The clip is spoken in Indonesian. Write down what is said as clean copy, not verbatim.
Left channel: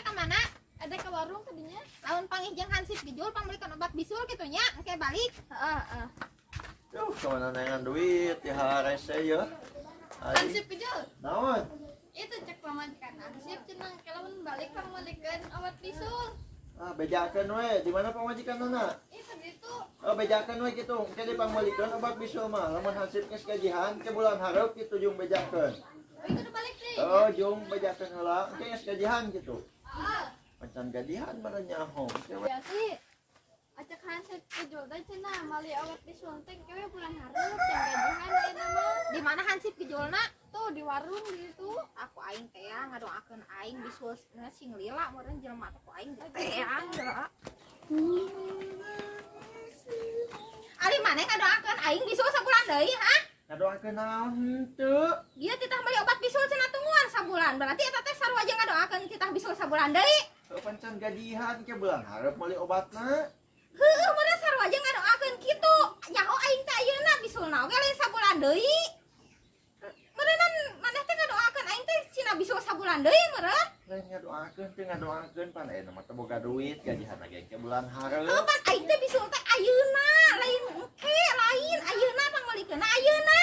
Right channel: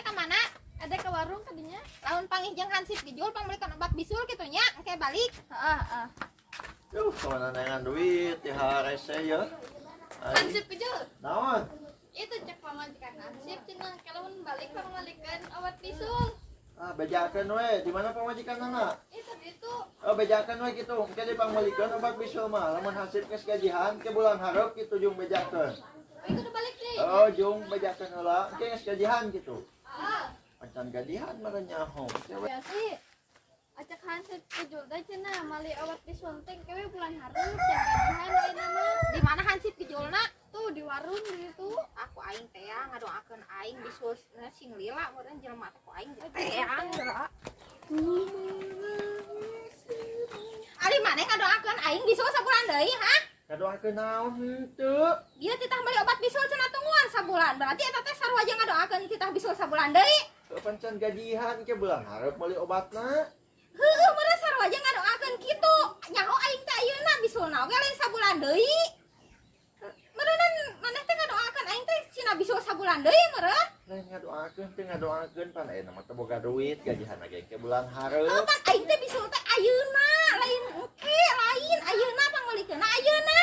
ada ke mana? Ada ke warung tadinya. Lawan pangijeng hansip dijual pangmelikan obat bisul gitu nya. Engke balik. Heeh. Yuh, kemana nengan duit ya rese ya. Hansip dijual. Naon? Itu cek pamajikan hansip cenah kalawan balik pangmelikan obat bisul. Ah, bejakeun we. Di mana pamajikanna? Itu gitu. Oh, bejakeun we kitu. Engke dipangmalikeun obat bisul mah. Lamun hansip geus gajihan ke bulan hareup kitu jeung bejakeun. Oh, itu udah balik deh. Oh, jeung bejakeun heula. Engke geus gajihan kitu. Ah. Macan gajihan mah nyaho. Ya sih. Acak hansip dijual teh cenah mali obat bisul teh kewe bulan hareup yang gajihan ayeuna mah. Di mana hansip dijualna? Tuh di warung di situ. Aku aing teh ngadoakeun aing bisul sing lila meureun jelema teh ku aing teh geura. Ali maneh ngadoakeun aing bisul sabulan deui, ha? Ngadoakeun naon henteu? Dia titah beli obat bisul cenah tungguan sabulan. Berarti eta teh sarua aja ngadoakeun titah bisul sabulan deui. Pancen gajihan ke bulan hareup meuli obatna. Heueuh meureun sarua aja ngadoakeun kitu. Nyaho aing teh ayeuna bisulna oge lain sabulan deui. Meureun maneh teh ngadoakeun aing teh cina bisul sabulan deui meureun. Lain ngadoakeun pan aya mah teu boga duit gajihan lagi ke bulan hareup. Pan aing teh bisul teh ayeuna lain engke lain ayeuna pangolikeunna ayeuna.